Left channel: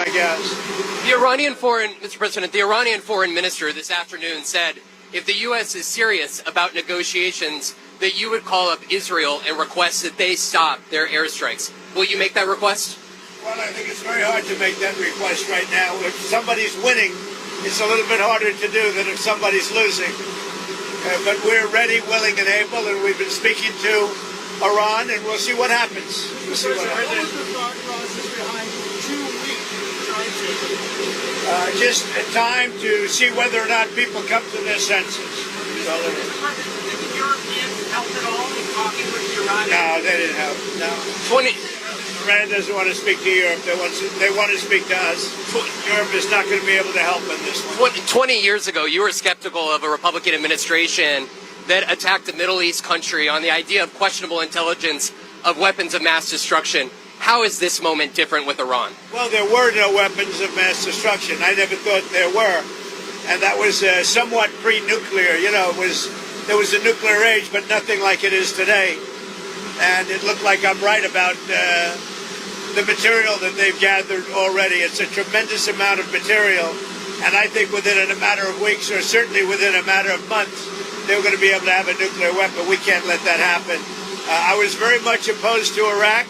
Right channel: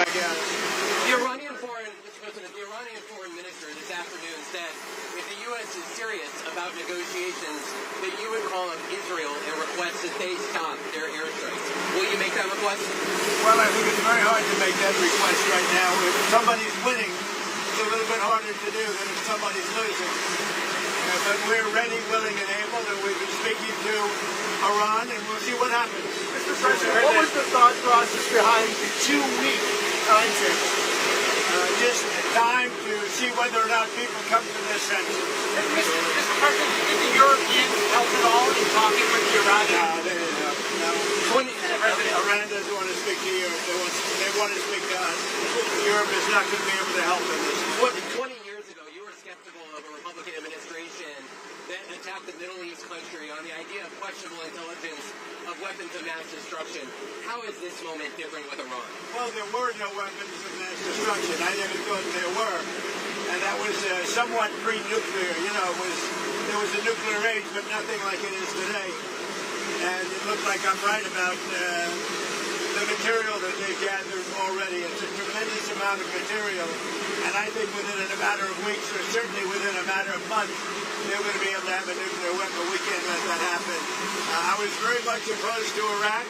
I guess. Mr. President, the Iranian foreign minister this afternoon said if the U.S. is serious about negotiations, that you would call up Israel and request that they stop their airstrikes. Will you make that request? Well, I think it's very hard to make that request right now. If somebody's winning, it's a little bit harder to do than if somebody's losing. But we're ready, willing, and able, and we've been speaking to Iran, and we'll see what happens. Mr. President, what was the thought process behind 2-week timetable? Just time to see whether or not people come to their senses. Mr. President, did the Europeans help at all in talking with the Iranians? No, they didn't help. No. Iran doesn't want to speak to Europe. They want to speak to us. Europe is not going to be able to help in this one. 20 years ago, you were skeptical of a Republican administration that attacked a Middle East country on the idea of questionable intelligence of weapons of mass destruction. How is this moment different with Iran? Well, there were no weapons of mass destruction. I never thought there were. And that was somewhat pre-nuclear. You know, there was a nuclear age, but nothing like it is today. And it looked like I'm right about the material that they've gathered already. It's a tremendous amount of material. And I think within a matter of weeks, or certainly within a matter of months, they're going to be able to have a nuclear weapon. We can't let that happen. I was very much opposed to Iraq.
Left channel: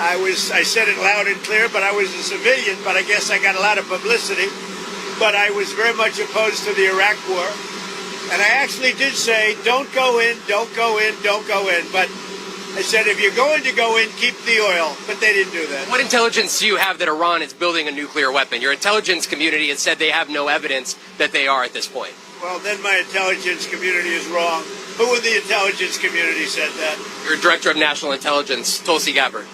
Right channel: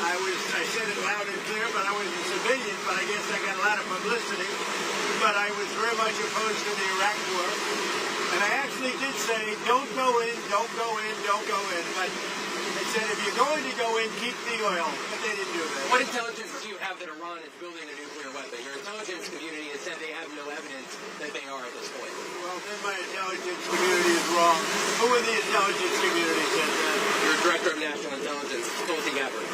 I said it loud and clear, but I was a civilian, but I guess I got a lot of publicity. But I was very much opposed to the Iraq war. And I actually did say, don't go in, don't go in, don't go in. But I said, if you're going to go in, keep the oil. But they didn't do that. What intelligence do you have that Iran is building a nuclear weapon? Your intelligence community has said they have no evidence that they are at this point. Well, then my intelligence community is wrong. Who in the intelligence community said that? Your Director of National Intelligence, Tulsi Gabbard.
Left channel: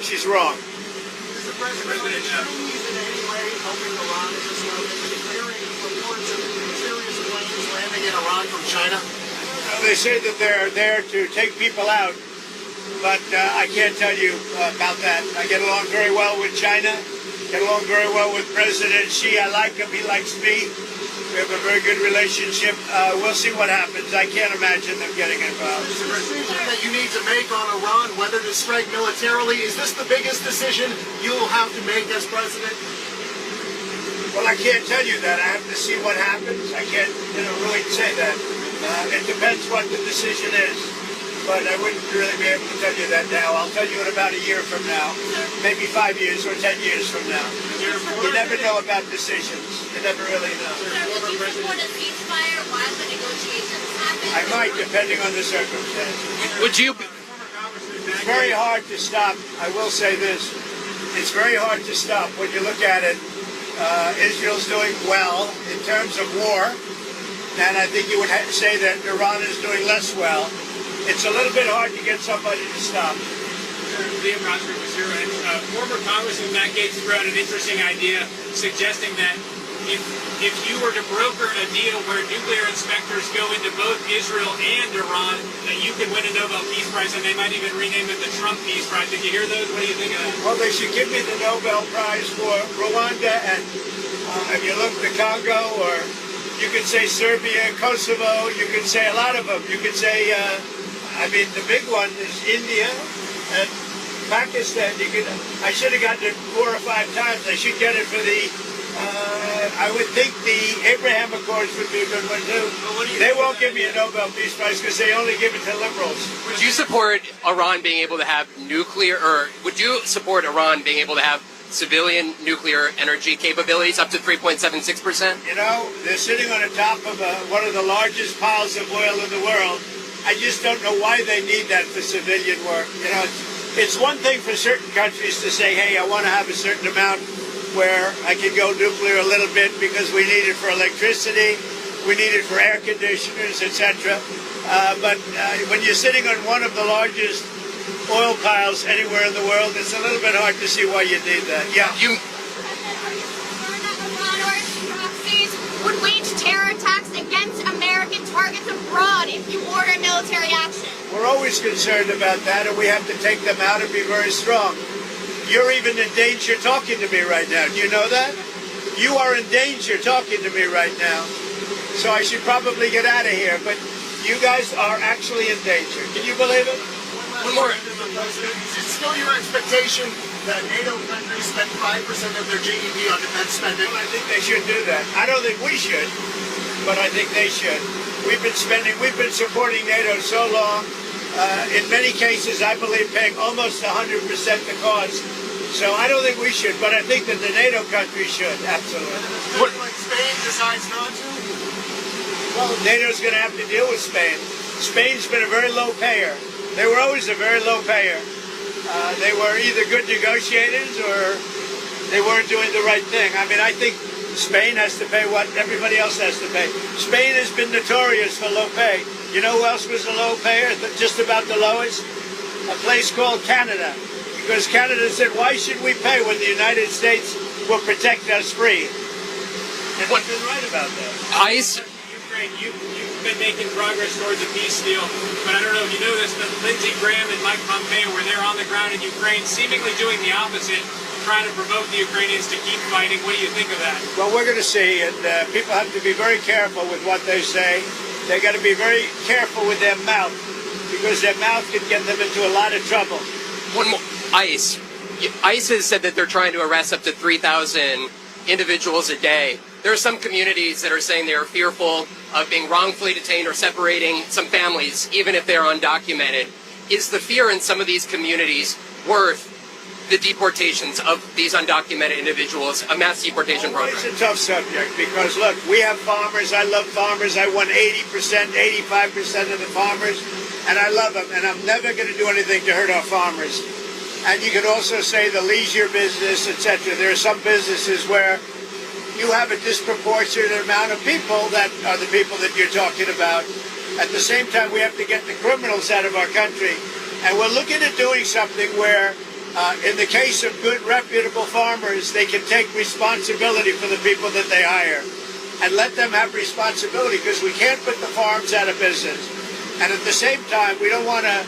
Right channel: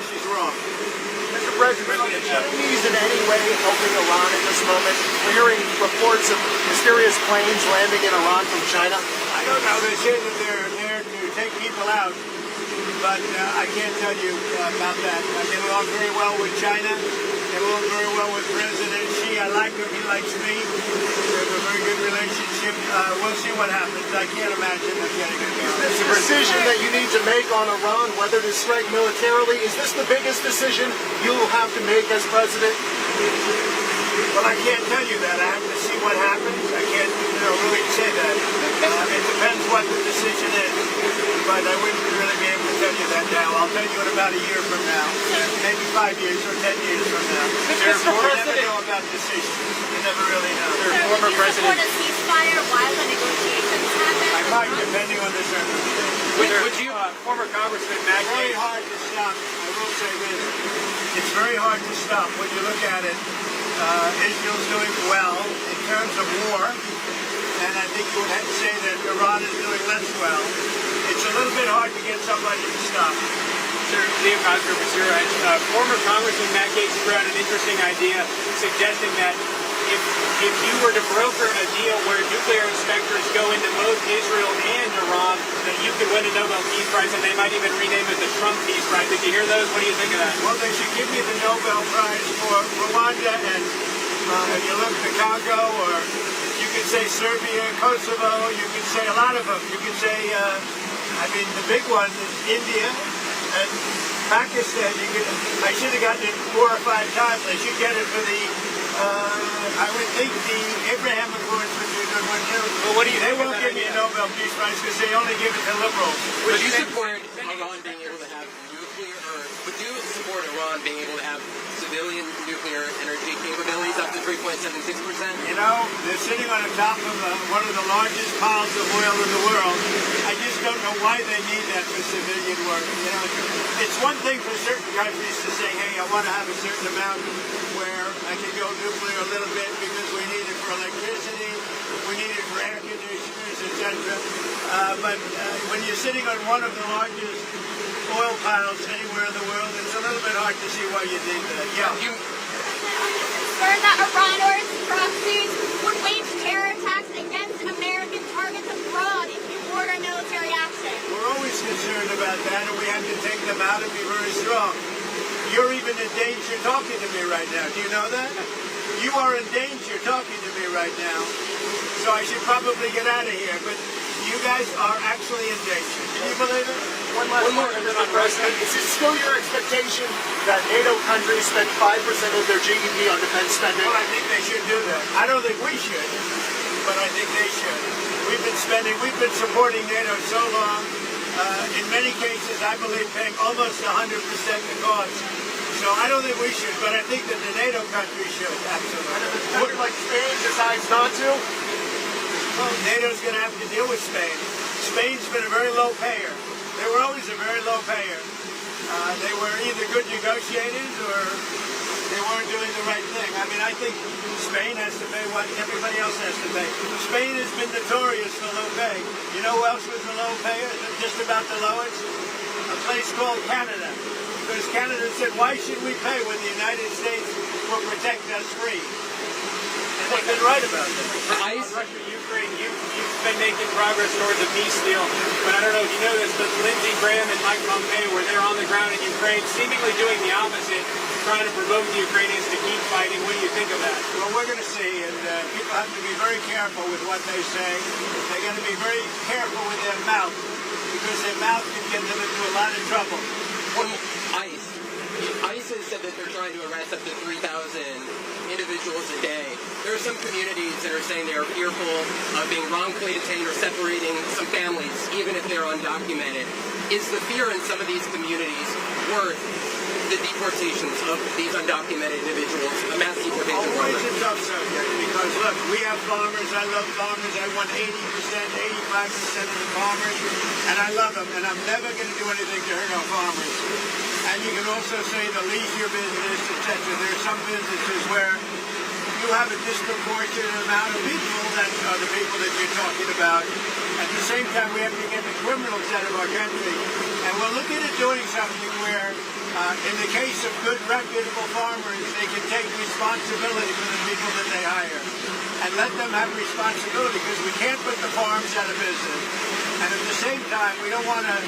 She's wrong. Mr. President, are the Chinese in any way helping Iran at this moment? We're hearing reports of mysterious planes landing in Iran from China. I don't know. They say that they're there to take people out, but I can't tell you about that. I get along very well with China, get along very well with President Xi. I like him. He likes me. We have a very good relationship. We'll see what happens. I can't imagine them getting involved. This decision that you need to make on Iran, whether to strike militarily, is this the biggest decision you'll have to make as president? Well, I can't tell you that. I have to see what happens. I can't, really say that. It depends what the decision is. But I wouldn't really be able to tell you that now. I'll tell you in about a year from now, maybe 5 years or 10 years from now. You never know about decisions. You never really know. Would you support a ceasefire while the negotiations happen? I might, depending on the circumstances. Would you? Former Congressman Matt It's very hard to stop. I will say this. It's very hard to stop when you look at it. Israel's doing well in terms of war, and I think you would say that Iran is doing less well. It's a little bit hard to get somebody to stop. Sir, Liam Cosgrove was here, and former Congressman Matt Gaetz threw out an interesting idea suggesting that if you were to broker a deal where nuclear inspectors go into both Israel and Iran, that you could win a Nobel Peace Prize, and they might even rename it the Trump Peace Prize. Did you hear those? What do you think of that? Well, they should give me the Nobel Prize for Rwanda, and if you look at Congo, or you could say Serbia, Kosovo, you could say a lot of them. You could say, the big one is India and Pakistan. I should have gotten it 4 or 5 times. I should get it for the... I would think the Abraham Accords would be a good one too. But what do you They won't give me a Nobel Peace Prize because they only give it to liberals. Would you support Iran being able to have nuclear, or would you support Iran being able to have civilian nuclear energy capabilities up to 3.76%? You know, they're sitting on the top of one of the largest piles of oil in the world. I just don't know why they need that for civilian work. You know, it's one thing for certain countries to say, hey, I want to have a certain amount where I can go nuclear a little bit because we need it for electricity, we need it for air conditioners, etc. But when you're sitting on one of the largest oil piles anywhere in the world, it's a little bit hard to see why you need that. Yeah. Are you concerned that Iran or its proxies would wage terror attacks against American targets abroad if you order military action? We're always concerned about that, and we have to take them out and be very strong. You're even in danger talking to me right now. Do you know that? You are in danger talking to me right now. So I should probably get out of here. But You guys are actually in danger. Can you believe it? One more. Mr. President. Is it still your expectation that NATO countries spend 5% of their GDP on defense spending? Well, I think they should do that. I don't think we should, but I think they should. We've been supporting NATO so long. In many cases, I believe paying almost 100% the cost. So I don't think we should, but I think that the NATO countries should, absolutely. And if a country like Spain decides not to? Well, NATO's going to have to deal with Spain. Spain's been a very low payer. They were always a very low payer. They were either good negotiators or they weren't doing the right thing. I mean, I think Spain has to pay what everybody else has to pay. Spain has been notorious for low pay. You know who else was a low payer, just about the lowest? A place called Canada. Because Canada said, why should we pay when the United States will protect us free? And they've been right about that. ICE. Ukraine, you've been making progress towards a peace deal, but I don't know if you know this, but Lindsey Graham and Mike Pompeo were there on the ground in Ukraine, seemingly doing the opposite, trying to provoke the Ukrainians to keep fighting. What do you think of that? Well, we're going to see, and people have to be very careful with what they say. They got to be very careful with their mouth, because their mouth can get them into a lot of trouble. One more. ICE. ICE has said that they're trying to arrest up to 3,000 individuals a day. There are some communities that are saying they are fearful of being wrongfully detained or separating some families, even if they're undocumented. Is the fear in some of these communities worth the deportations of these undocumented individuals, a mass deportation program? It's a tough subject because, look, we have farmers. I love farmers. I won 80%, 85% of the farmers, and I love them, and I'm never going to do anything to hurt our farmers. And you could also say the leisure business, etc. There are some businesses where you have a disproportionate amount of people that are the people that you're talking about. At the same time, we have to get the criminals out of our country. And we're looking at doing something where, in the case of good, reputable farmers, they can take responsibility for the people that they hire and let them have responsibility, because we can't put the farms out of business. And at the same time, we don't want to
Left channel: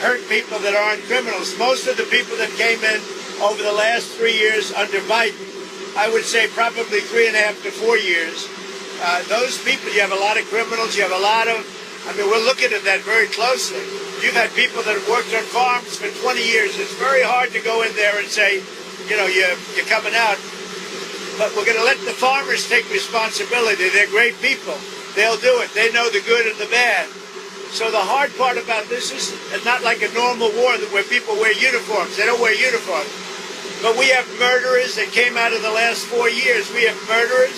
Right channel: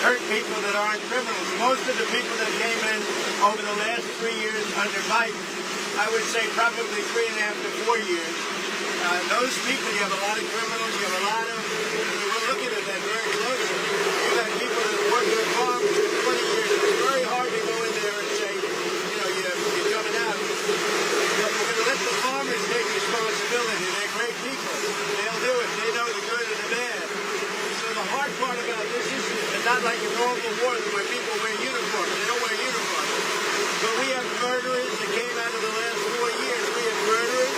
hurt people that aren't criminals. Most of the people that came in over the last 3 years under Biden, I would say probably 3.5 to 4 years, those people, you have a lot of criminals, you have a lot of, I mean, we're looking at that very closely. You've had people that have worked on farms for 20 years. It's very hard to go in there and say, you know, you're coming out. But we're going to let the farmers take responsibility. They're great people. They'll do it. They know the good and the bad. So the hard part about this is not like a normal war where people wear uniforms. They don't wear uniforms. But we have murderers that came out of the last 4 years. We have murderers.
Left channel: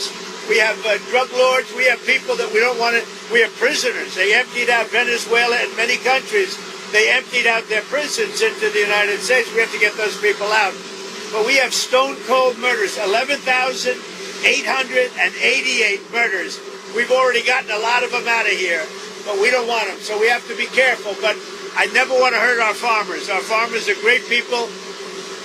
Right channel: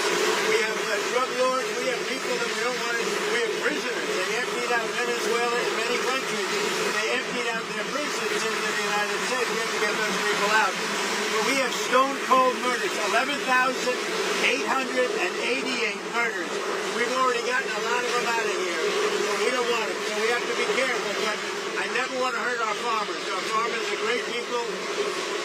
We have drug lords. We have people that we don't want to. We have prisoners. They emptied out Venezuela and many countries. They emptied out their prisons into the United States. We have to get those people out. But we have stone-cold murders, 11,888 murders. We've already gotten a lot of them out of here. But we don't want them, so we have to be careful. But I never want to hurt our farmers. Our farmers are great people.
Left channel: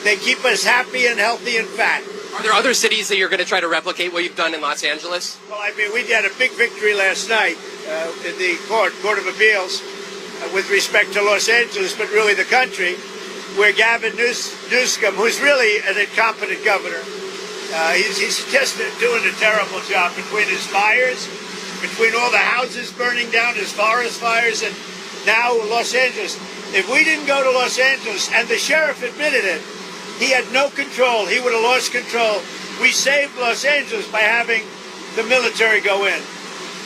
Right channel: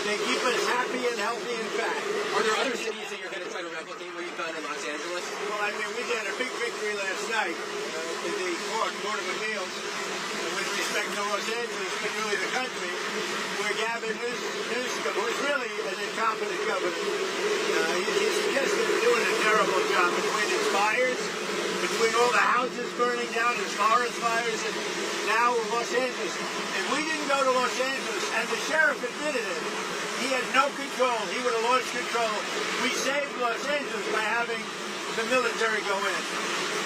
They keep us happy and healthy and fat. Are there other cities that you're going to try to replicate what you've done in Los Angeles? Well, I mean, we had a big victory last night in the Court of Appeals with respect to Los Angeles, but really the country, where Gavin Newsom, who's really an incompetent governor, he's just doing a terrible job between his fires, between all the houses burning down, his forest fires, and now Los Angeles. If we didn't go to Los Angeles, and the sheriff admitted it, he had no control. He would have lost control. We saved Los Angeles by having the military go in.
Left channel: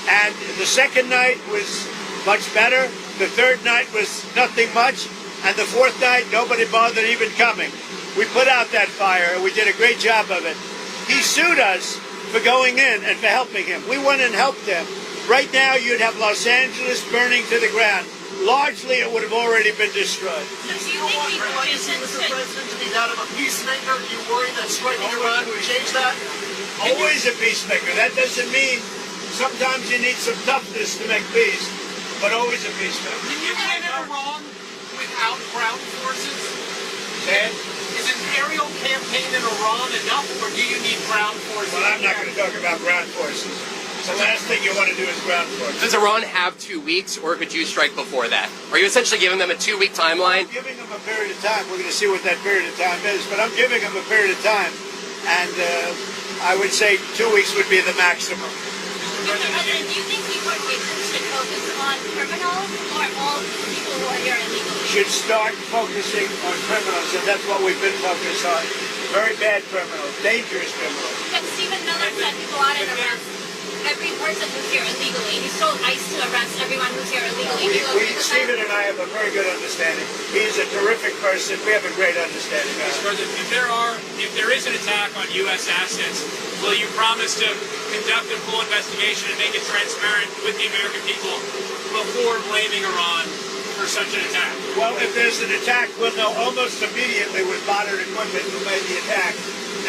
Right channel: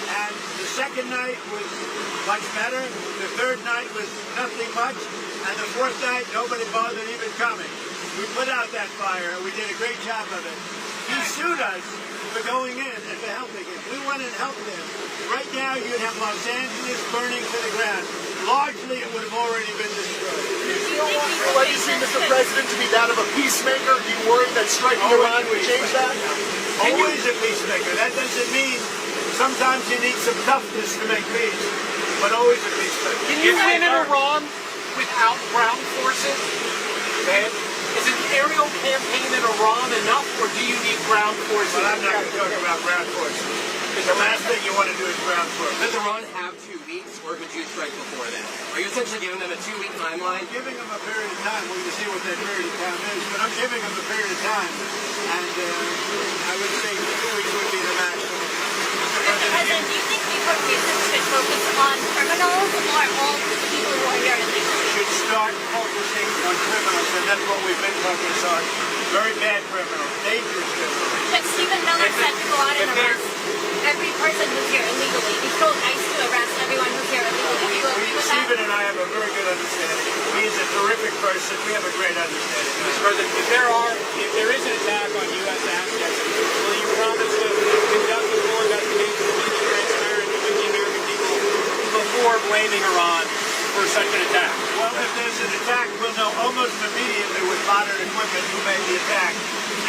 And the second night was much better. The third night was nothing much. And the fourth night, nobody bothered even coming. We put out that fire, and we did a great job of it. He sued us for going in and for helping him. We went and helped them. Right now, you'd have Los Angeles burning to the ground. Largely, it would have already been destroyed. Do you still want your legacy, Mr. President, to be that of a peacemaker? Do you worry that striking Iran would change that? Always a peacemaker. That doesn't mean sometimes you need some toughness to make peace, but always a peacemaker. Can you win in Iran without ground forces? Is an aerial campaign in Iran enough, or do you need ground forces? Well, I'm not going to talk about ground forces. Because the last thing you want to do is ground forces. Does Iran have 2 weeks, or could you strike before that? Are you essentially giving them a 2-week timeline? I'm giving them a period of time. We're going to see what that period of time is, but I'm giving them a period of time. And I would say 2 weeks would be the maximum. Mr. President, President, do you think deportations should focus on criminals or all people who are here illegally? Should start focusing on criminals, and that's what we've been focused on. Very bad criminals, dangerous criminals. But Stephen Miller said to go out and arrest every person who's here illegally. He told ICE to arrest everyone who's here illegally. Do you agree with Stephen that? and I have a very good understanding. He's a terrific person. We have a great understanding. Mr. President, if there is an attack on U.S. assets, will you promise to conduct a full investigation and make it transparent with the American people before blaming Iran for such an attack? Well, if there's an attack, we'll know almost immediately with modern equipment who made the attack.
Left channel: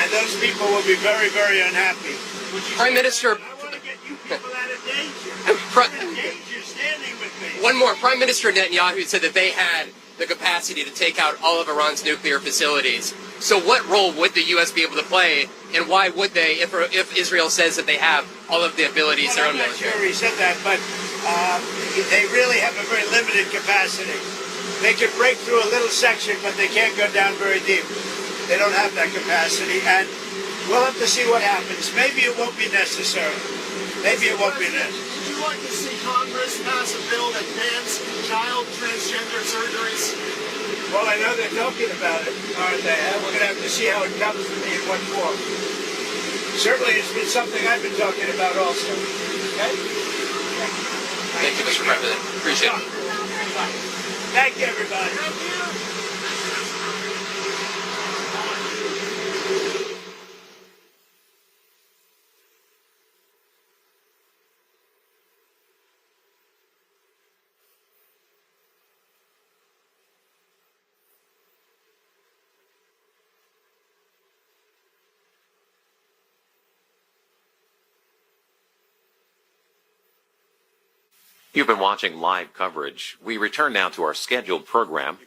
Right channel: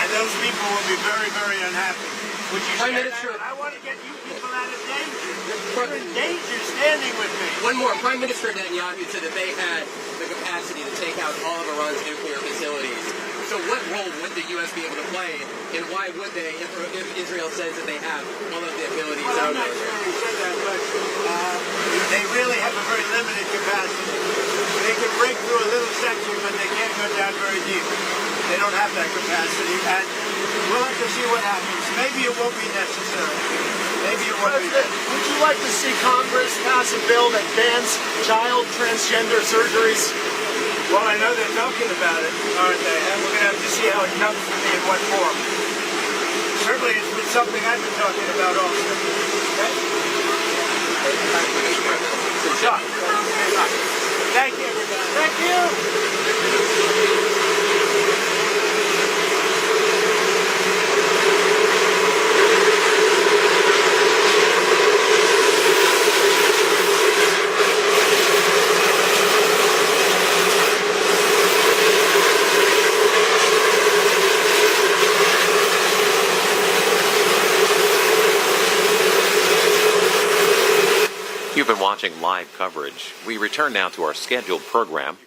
And those people will be very, very unhappy. Would you Prime say Minister- that? I want to get you people out of danger. You're in danger standing with me. One more. Prime Minister Netanyahu said that they had the capacity to take out all of Iran's nuclear facilities. So what role would the U.S. be able to play, and why would they, if Israel says that they have all of the abilities, their own I'm not military? sure he said that, but they really have a very limited capacity. They could break through a little section, but they can't go down very deep. They don't have that capacity, and we'll have to see what happens. Maybe it won't be necessary. Maybe it won't be President, necessary. would you like to see Congress pass a bill that bans child transgender surgeries? Well, I know they're talking about it, aren't they? We're going to have to see how it comes to me in what form. Certainly, it's been something I've been talking about also. Okay? Thank you, Mr. President. Appreciate it. Thank you, everybody. Thank you. You've been watching live coverage. We return now to our scheduled program.